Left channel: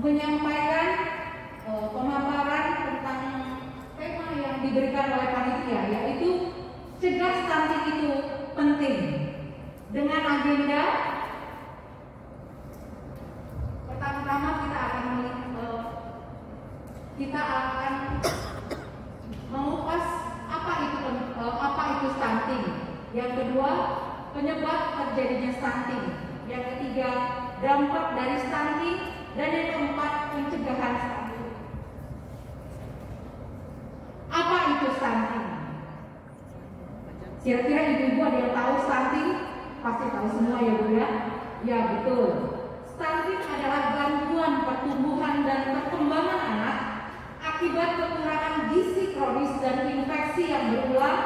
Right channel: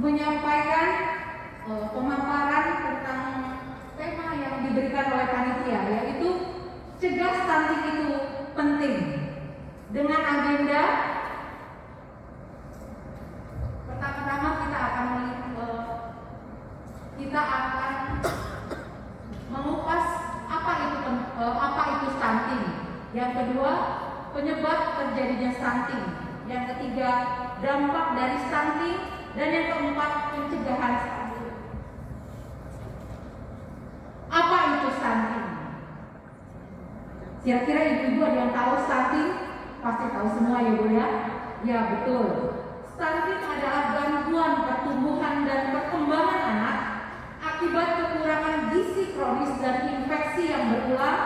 menyampaikan pemaparan tentang tema yang diberikan oleh panitia, yaitu cegah stunting itu penting, dengan agenda pertama-tama kita akan mengupas apa itu stunting. Yang kedua, penyebab terjadinya stunting. Yang ketiga, dampak dari stunting. Dan yang keempat, pencegahan stunting. Apa itu stunting? Kira-kira ibu-ibu ada yang tahu stunting? Pasti tahu semua ya Bu ya? Ya betul. Stunting adalah gangguan pertumbuhan dan perkembangan anak akibat kekurangan gizi kronis dan infeksi yang berulang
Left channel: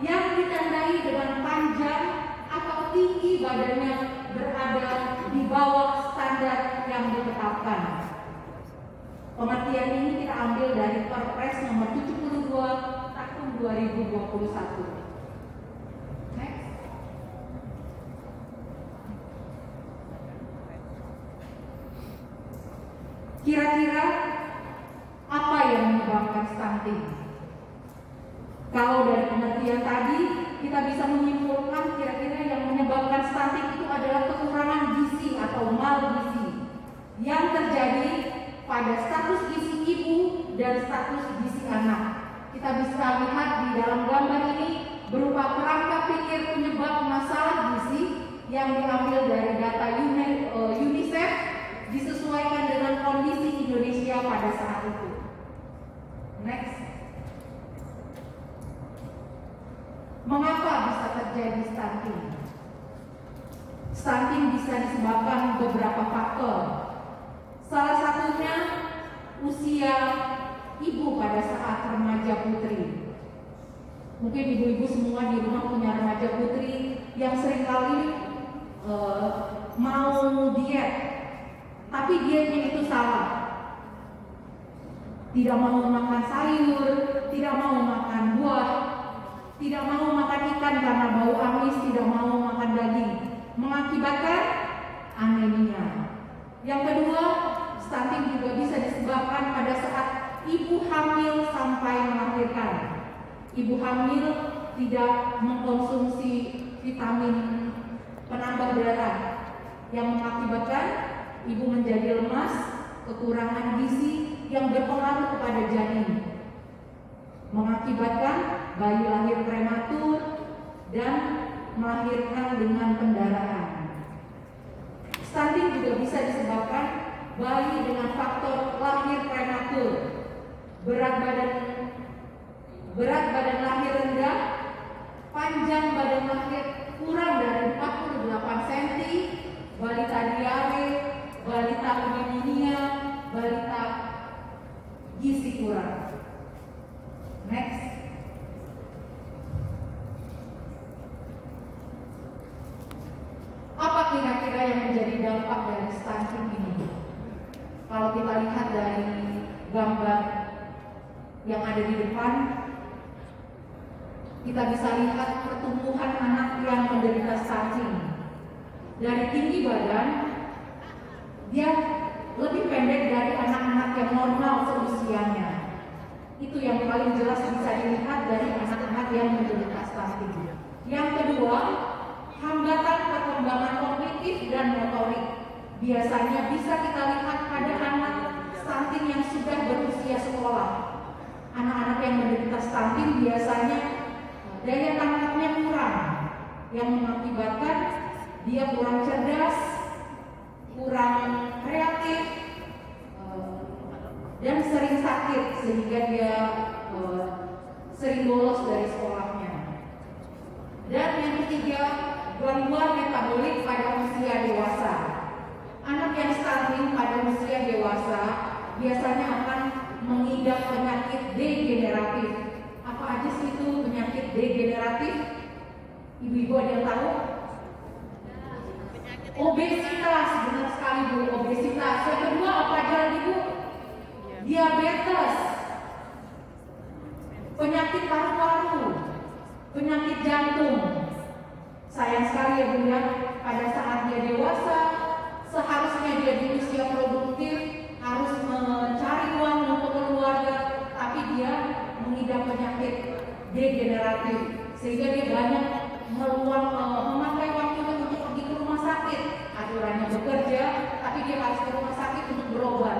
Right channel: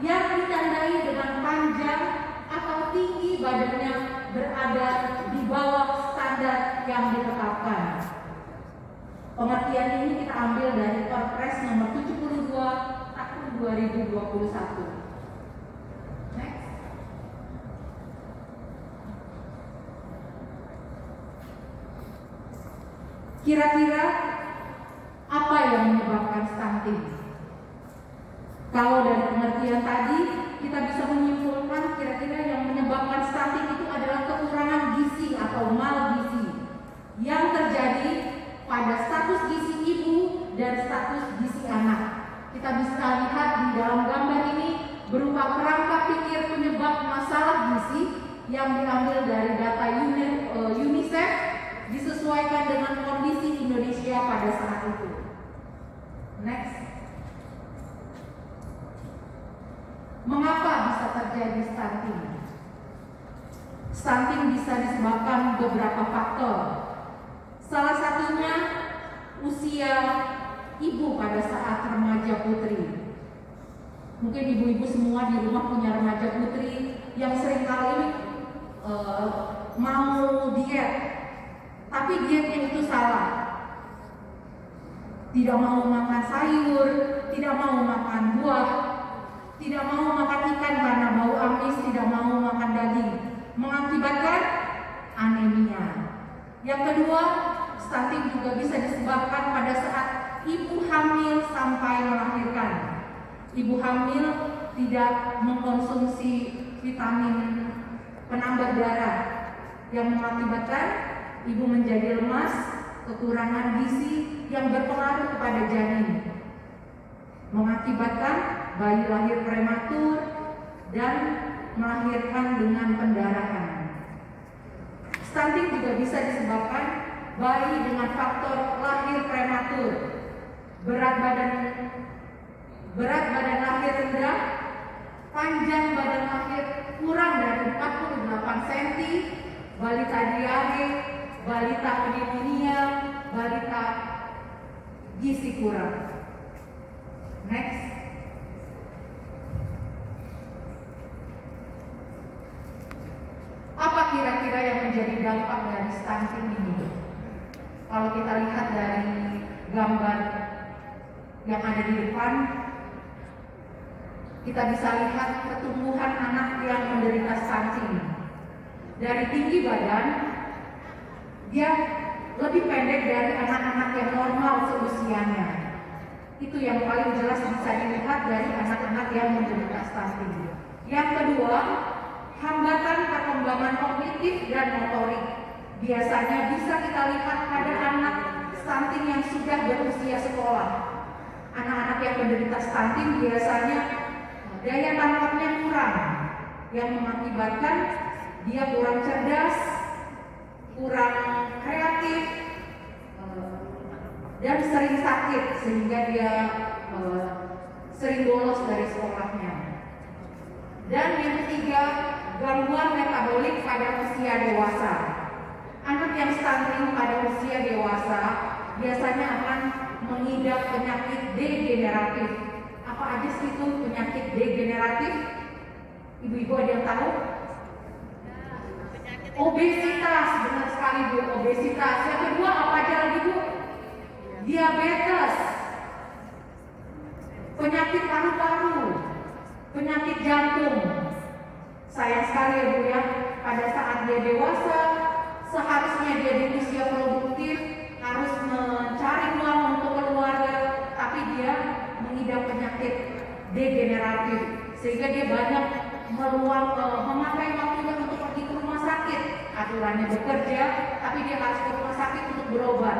yang ditandai dengan panjang atau tinggi badannya berada di bawah standar yang ditetapkan. Pengertian ini kita ambil dari Perpres nomor 72 tahun 2021. Next. Kira-kira apa yang menyebabkan stunting? Kalau dari pengertian tadi, kita bisa menyimpulkan kira-kira yang menyebabkan stunting itu adalah kekurangan gizi atau malgizi yang terjadi pada status gizi ibu dan status gizi anak. Kita bisa lihat di dalam gambar ini berupa kerangka pikir penyebab masalah gizi yang diambil dari data UNICEF, disesuaikan dengan kondisi Indonesia pada saat itu. Next. Mengapa bisa terjadi stunting? Stunting bisa disebabkan beberapa faktor. Salah satunya usia ibu pada saat remaja putri. Mungkin ibu-ibu semua di rumah punya remaja putri yang seringkali mau diet, tapi dietnya itu salah. Tidak mau makan sayur, tidak mau makan buah, tidak mau makan ikan karena bau amis, tidak mau makan daging, mengakibatkan anemia. Yang kedua, stunting juga bisa disebabkan pada saat ibu hamil sampai melahirkan. Ibu hamil tidak mengkonsumsi vitamin penambah darah yang mengakibatkan ibu menjadi lemas, kekurangan gizi yang berpengaruh kepada janin, mengakibatkan bayi lahir prematur dan melahirkan dengan pendarahan. Stunting juga bisa disebabkan bayi dengan faktor lahir prematur, berat badan lahir rendah, panjang badan lahir kurang dari 48 cm, balita diare, balita anemia, balita gizi kurang. Next. Apa kira-kira yang menjadi dampak dari stunting ini? Kalau kita lihat dari gambar yang ada di depan, kita bisa lihat pertumbuhan anak yang menderita stunting. Dari tinggi badan, dia lebih pendek dari anak-anak yang normal seusianya. Itu yang paling jelas bisa dilihat dari anak-anak yang menderita stunting. Yang kedua, hambatan perkembangan kognitif dan motorik. Biasanya bisa kita lihat pada anak stunting yang sudah berusia sekolah. Anak-anak yang menderita stunting biasanya daya tangkapnya kurang, yang mengakibatkan dia kurang cerdas, kurang kreatif, dan sering sakit sehingga dia sering bolos dari sekolahnya. Dan yang ketiga, gangguan metabolik pada usia dewasa. Anak yang stunting pada usia dewasa biasanya akan mengidap penyakit degeneratif. Apa aja sih itu penyakit degeneratif? Ibu-ibu ada yang tahu? Obesitas, benar sekali Bu, obesitas. Yang kedua apa aja lagi Bu? Diabetes, penyakit paru-paru, penyakit jantung. Sayang sekali ya Bu ya, pada saat dia dewasa, seharusnya dia di usia produktif, harus mencari uang untuk keluarga, tapi dia mengidap penyakit degeneratif sehingga dia banyak memakai waktu untuk pergi ke rumah sakit. Aturannya bekerja, tapi dia harus ke rumah sakit untuk berobat.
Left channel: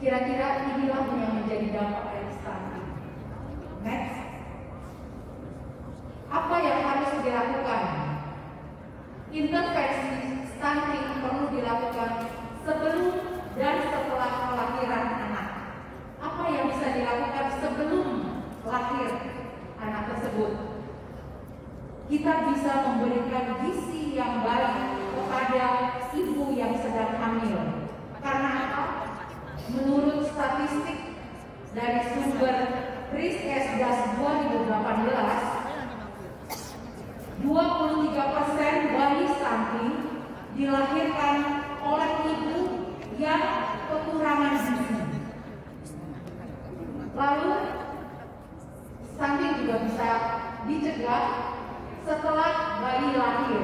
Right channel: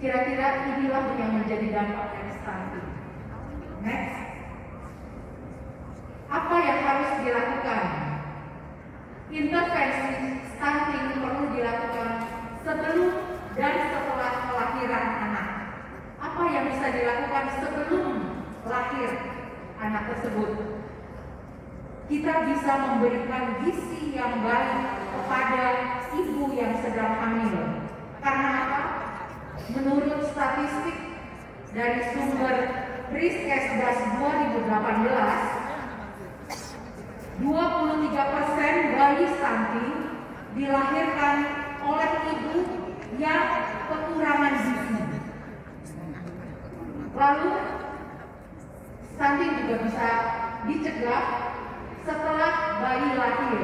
Kira-kira inilah yang menjadi dampak dari stunting. Next. Apa yang harus dilakukan? Intervensi stunting perlu dilakukan sebelum dan setelah kelahiran anak. Apa yang bisa dilakukan sebelum lahir anak tersebut? Kita bisa memberikan gizi yang baik kepada ibu yang sedang hamil. Karena apa? Menurut statistik dari sumber Riskesdas 2018, 23% bayi stunting dilahirkan oleh ibu yang kekurangan gizi. Lalu stunting juga bisa dicegah setelah bayi lahir.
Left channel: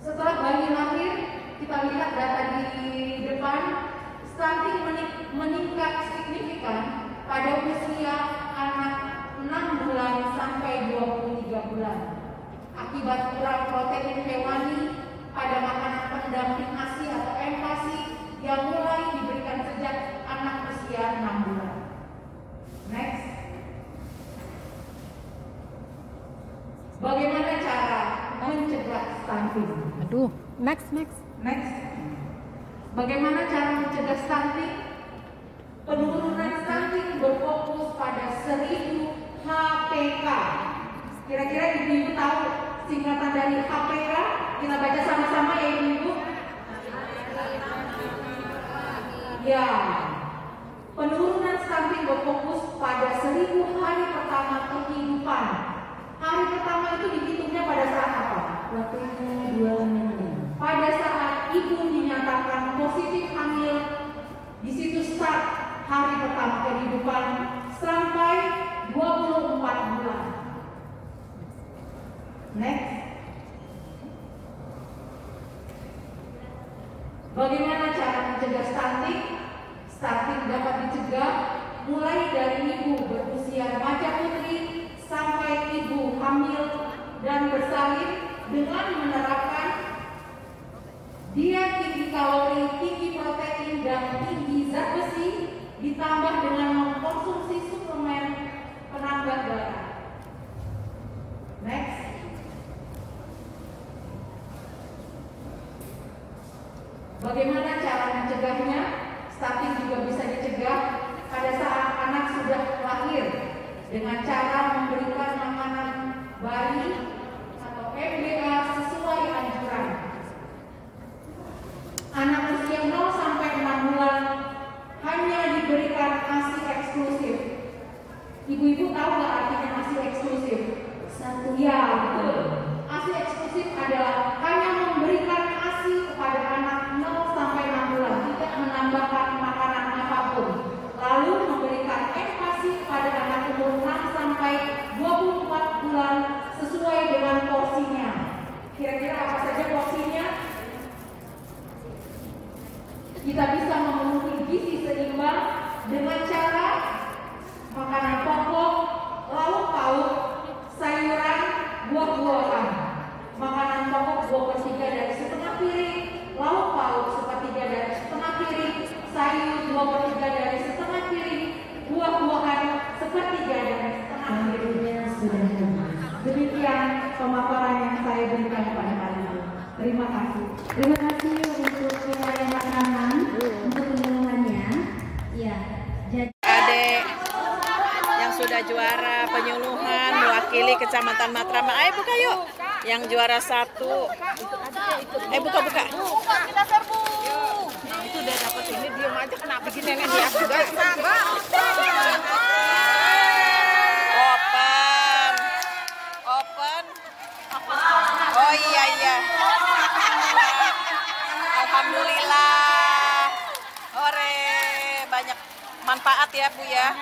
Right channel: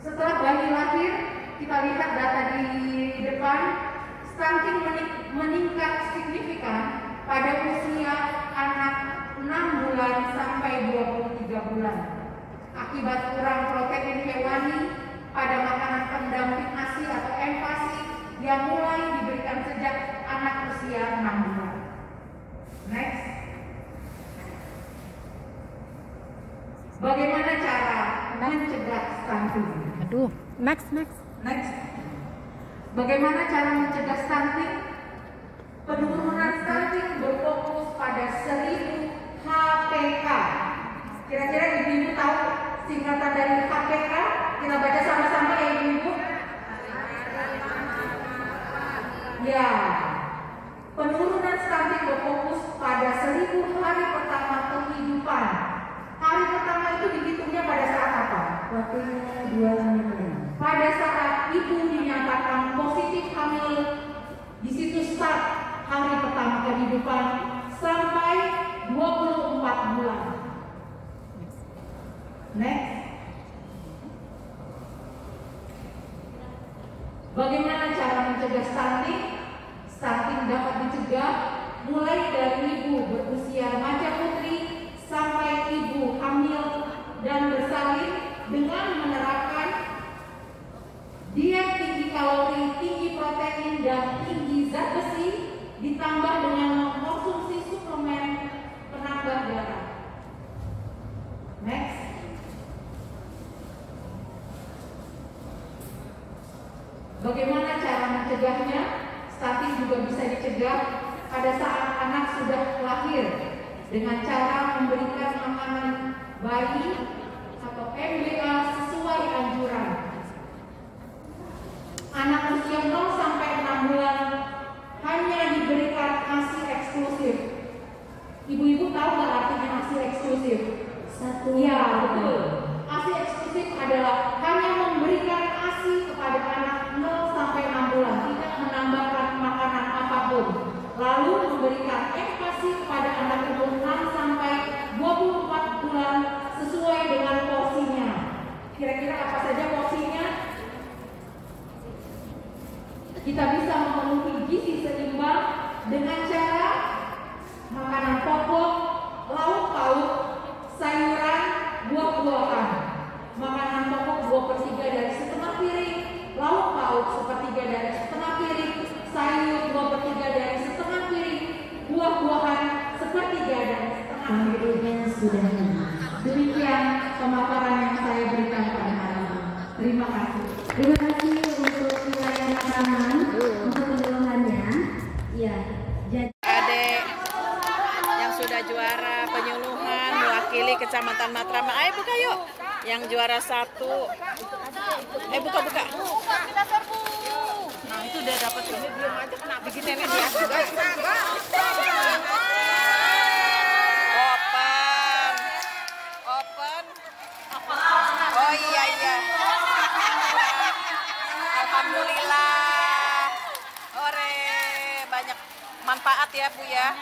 Setelah bayi lahir, kita lihat data di depan, stunting meningkat signifikan pada usia anak 6 bulan sampai 23 bulan. Akibat kurang protein hewani pada makanan pendamping ASI atau MASI yang mulai diberikan sejak anak usia 6 bulan. Next. Bagaimana cara mencegah stunting? Next. Bagaimana cara mencegah stunting? Penurunan stunting berfokus pada 1000 HPK. Kira-kira ibu-ibu tahu singkatan dari HPK? Kita baca sama-sama ya ibu-ibu. Ya, penurunan stunting berfokus pada 1000 hari pertama kehidupan. Hari pertama itu dihitungnya pada saat apa? Pada saat ibu dinyatakan positif hamil, di situ start hari pertama kehidupan sampai 24 bulan. Next. Bagaimana cara mencegah stunting? Stunting dapat dicegah mulai dari ibu berusia remaja putri sampai ibu hamil dan bersalin dengan menerapkan diet tinggi kalori, tinggi protein, dan tinggi zat besi ditambah dengan mengkonsumsi suplemen penambah darah. Next. Bagaimana cara mencegahnya? Stunting juga bisa dicegah pada saat anak sudah lahir dengan cara memberikan makanan bayi atau MBA sesuai anjuran. Anak usia 0 sampai 6 bulan hanya diberikan ASI eksklusif. Ibu-ibu tahu nggak artinya ASI eksklusif? Ya, betul. ASI eksklusif adalah hanya memberikan ASI kepada anak 0 sampai 6 bulan, tidak menambahkan makanan apapun. Lalu memberikan MASI kepada anak umur 6 sampai 24 bulan sesuai dengan porsinya. Kira-kira apa saja porsinya? Kita bisa memenuhi gizi seimbang dengan cara makanan pokok, lauk pauk, sayuran, buah-buahan. Makanan pokok 2/3 dari setengah piring, lauk pauk 1/3 dari setengah piring, sayur 2/3 dari setengah piring, buah-buahan 1/3 dari setengah piring. Sudah. Demikian pemaparan yang saya berikan pada hari ini. Terima kasih. Terima kasih untuk keterangan untuk penyuluhannya. Ya, jadi Adik yang sudah juara penyuluhan mewakili Kecamatan Matraman. Ayo buka yuk. Yang juara 1. Ayo buka. Kita serbu. Itu udah dapat ini belum aja kenapa begini nih dia. Open. Oh iya. Alhamdulillah. Ore, banyak manfaat ya Bu ya.